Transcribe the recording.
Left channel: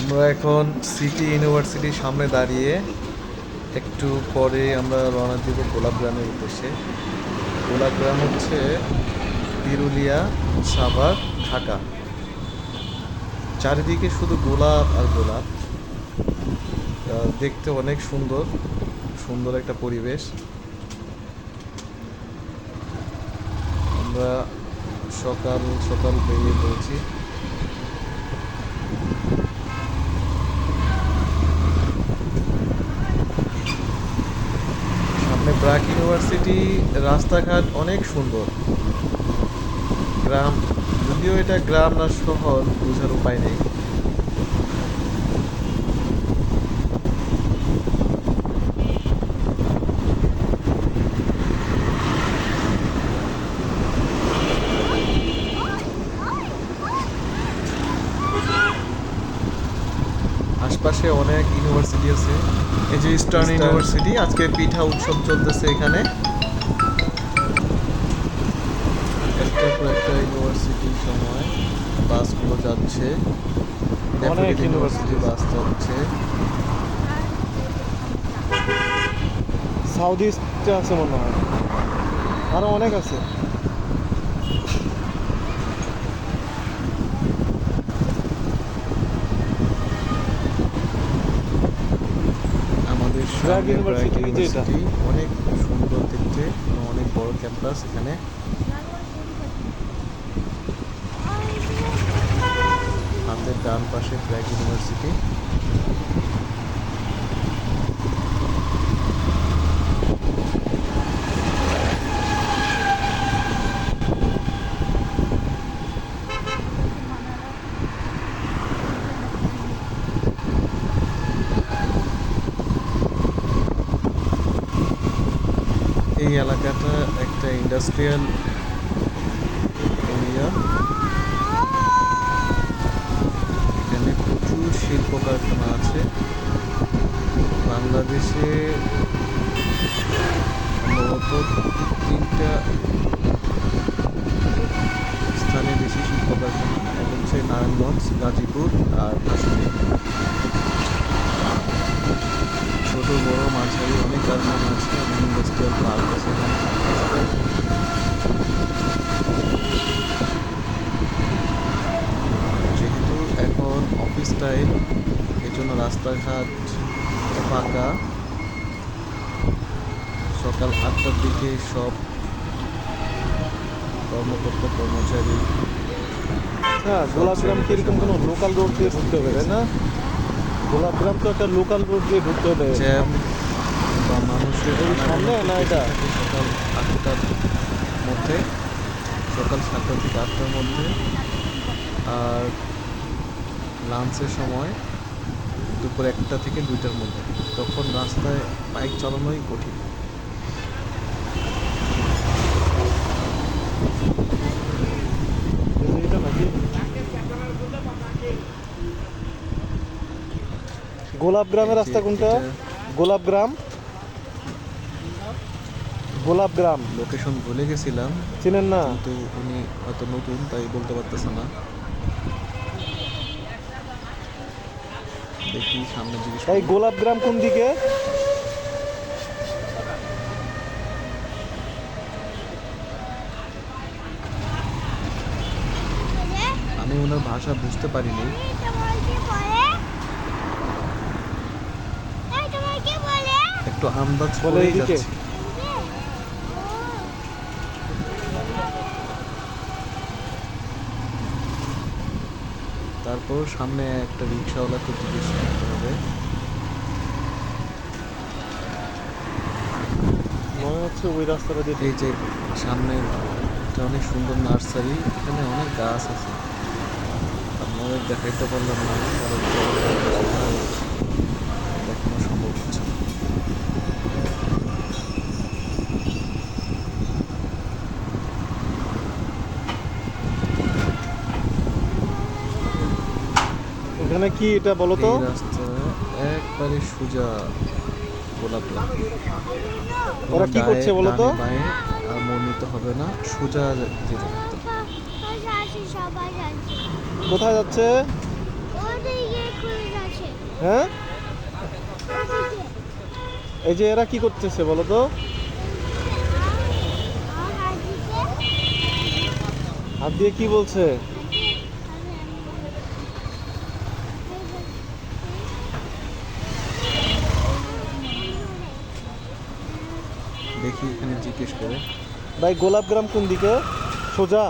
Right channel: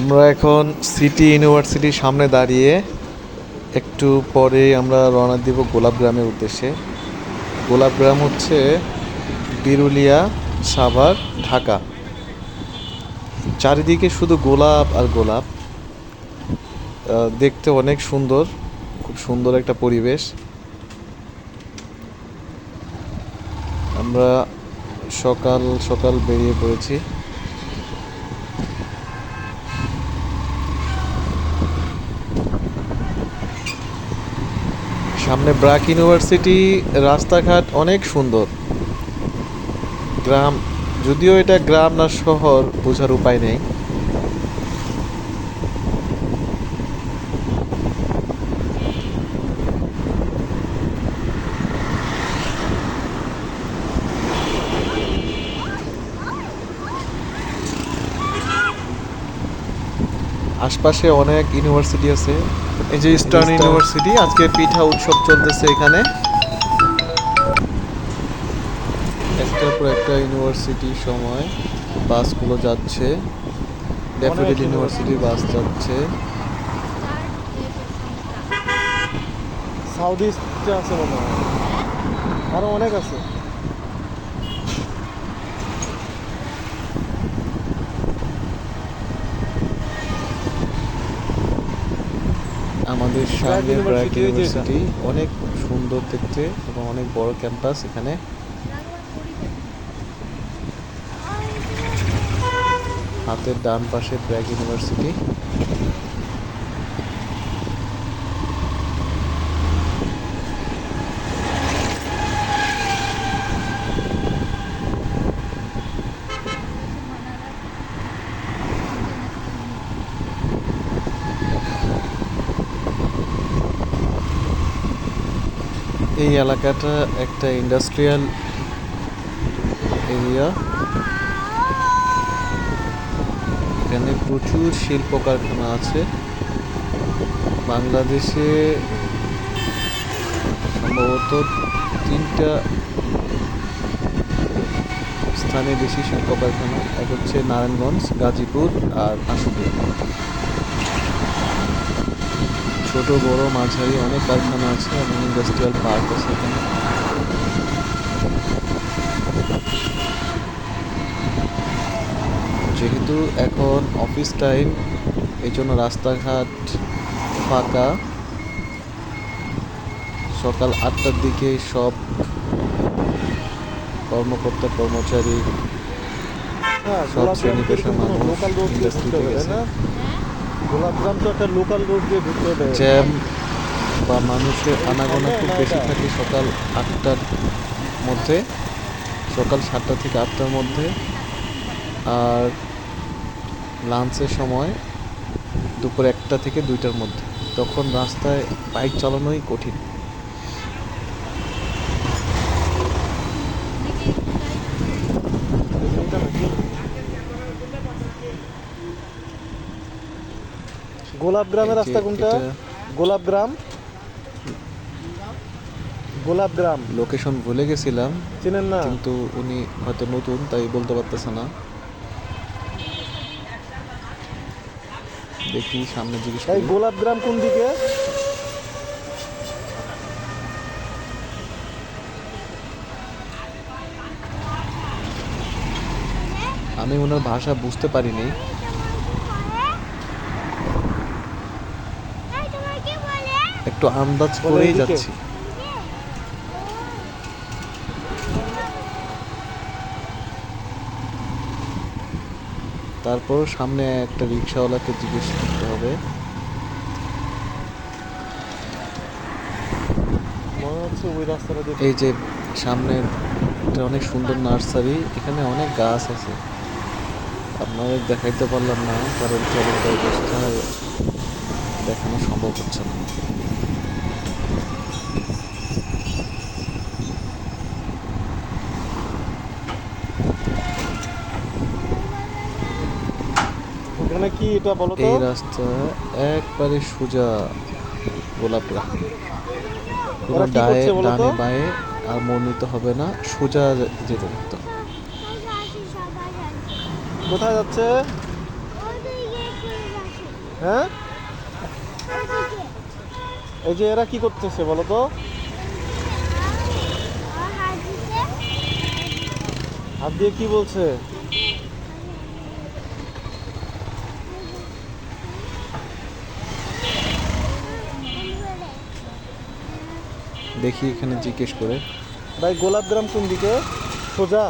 আমরা এখন সিটি ইউনিভার্সিটির সামনে দাঁড়িয়ে একটু পরে আমরা রওনা দিব গোলাপগ্রামের উদ্দেশ্যে। গোলাপগ্রাম হচ্ছে বিরুলিয়া, সাভার, ঢাকা। চারিদিকে শুধু গোলাপ আর গোলাপ। দেখতে অনেক সুন্দর, খুব সুন্দর একটা পরিবেশ। আমরা সকাল সকাল বেরিয়ে পড়েছি। সামনে ব্র্যাক ইউনিভার্সিটি। রাস্তাঘাট অনেক সুন্দর। গ্রাম, যদিও এটা গ্রাম না শহর বোঝার উপায় নেই। আশপাশে অনেক ইউনিভার্সিটি আছে। এই যে ইস্টার্ন ইউনিভার্সিটি, আজকে পিঠা উৎসব চলতেছে এখানে। একটার পর একটা ইউনিভার্সিটির সময় বাসগুলো যাচ্ছে। ড্যাফোডিল ইউনিভার্সিটি বাস যাচ্ছে। সাউথ ইস্টে আছে মনে হয়, আরো অনেক আছে। আমাদের ব্র্যাক সামনে ব্র্যাক ইউনিভার্সিটি, যেটা ইউনিভার্সিটি অনেক সুন্দর দেখতে এবং অনেক বড় ক্যাম্পাস এখানে। হাতের ডান পাশে ব্র্যাক ইউনিভার্সিটি। এই এলাকাটা একটা ইন্ডাস্ট্রিয়াল এরিয়া। এখানে প্রচুর শিল্প কারখানা আছে। বাংলাদেশে সম্ভবত 3টা স্থানে বেশি শিল্প কারখানা। এক হচ্ছে নারায়ণগঞ্জ, গাজীপুর আর আশুলিয়া। ছোট বড় মাঝারি অনেক কারখানা আছে এবং ইন্ডাস্ট্রিয়াল পার্ক আছে এখানে। যেহেতু এখন অফিস টাইম, এই জন্য রাস্তাঘাট ফাঁকা। সকাল 8টার দিকে সব কর্মকর্তা কর্মচারী, হ্যাঁ, সব গোলাপগ্রাম শ্রেণী তো পেশার এরকম কোনো মানুষ লোকাল রোড দিয়ে ঢুকতে হবে, তাই না? গোলাপগ্রাম তো একটা লোকাল রোড দিয়ে ঢুকতে হবে। জ্যাম বা মানুষের এই আনাগোনা সামনে খুব না বেশি এটা? থাকে সকাল 8টার মধ্যে, সকাল 7টা থেকে 8টার মধ্যে। আর লাঞ্চের সময় দুপুর 1টা থেকে 2টার মধ্যে। তখন রাস্তায় বাইক চালানোই কঠিন। এটা নাকি গোলাপগ্রামের রাস্তা কোনটা? গোলাপগ্রাম, গোলাপগ্রাম লোকেশন ভুলে গেছিলাম, চিনেন না? কিন্তু উনি হয়তো নতুন তাই বলতে পারতেছে না। দেখি সামনে জিজ্ঞেস এই করি। গোলাপগ্রাম কোন দিকে? আমি ওনার ভাষা বুঝতে পারিনি। একটু আন্দাজ বলে করেই এইদিকে। যাচ্ছি। তারপর সামনে একটা রিক্সাওয়ালাকে জিজ্ঞেস করতে হবে। মনে হচ্ছে ওই রাস্তাটা দিয়ে এই ঢুকতে যে হবে। সামনে একটা অনেক সুন্দর নার্সারি, এখানে অনেক গাছ আছে। আপনাদের দেখাইতে পারলাম না কারণ চলন্ত অবস্থায় দেখানো সম্ভব হচ্ছে না। ওখানে কি এটা বলো তো? এই রাস্তা একবারে সোজা গোলাপগ্রাম। কোনো ওরা কি করছে বলো তো? ডানে বাঁয়ে আর মোড় নিতে হবে না, সোজা যেতে থাকতে হবে। কোথায় যাচ্ছে? হ্যাঁ, এই যে এরা কি করতেছে বলো তো? হাত দিয়ে কি বলছে? দেখি এখানে জিজ্ঞেস করে। ভাই গোলাপ গ্রাম কোন দিকে? সোজা?